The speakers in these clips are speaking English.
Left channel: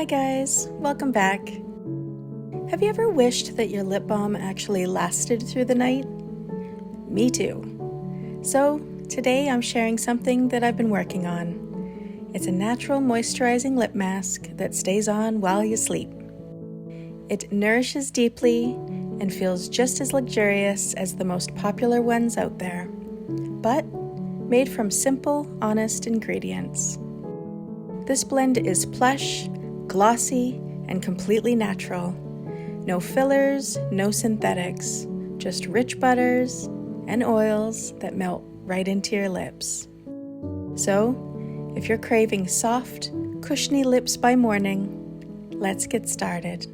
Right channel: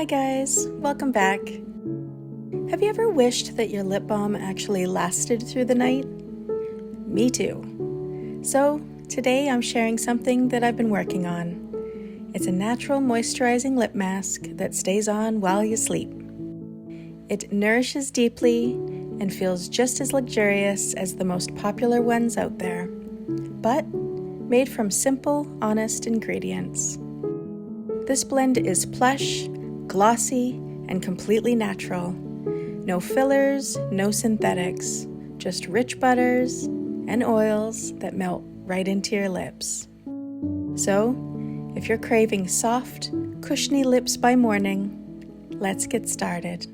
Hi guys, welcome back. Have you ever wished that your lip balm actually lasted through the night? Me too. So today I'm sharing something that I've been working on. It's a natural moisturizing lip mask that stays on while you sleep. It nourishes deeply and feels just as luxurious as the most popular ones out there, but made from simple, honest ingredients. This blend is plush, glossy, and completely natural. No fillers, no synthetics, just rich butters and oils that melt right into your lips. So, if you're craving soft, cushiony lips by morning, let's get started.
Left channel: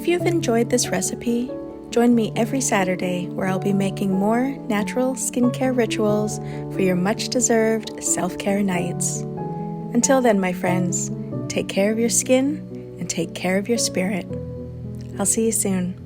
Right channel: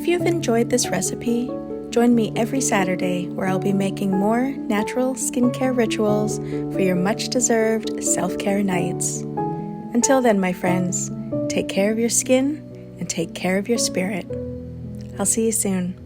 If you've enjoyed this recipe, join me every Saturday where I'll be making more natural skincare rituals for your much-deserved self-care nights. Until then, my friends, take care of your skin and take care of your spirit. I'll see you soon.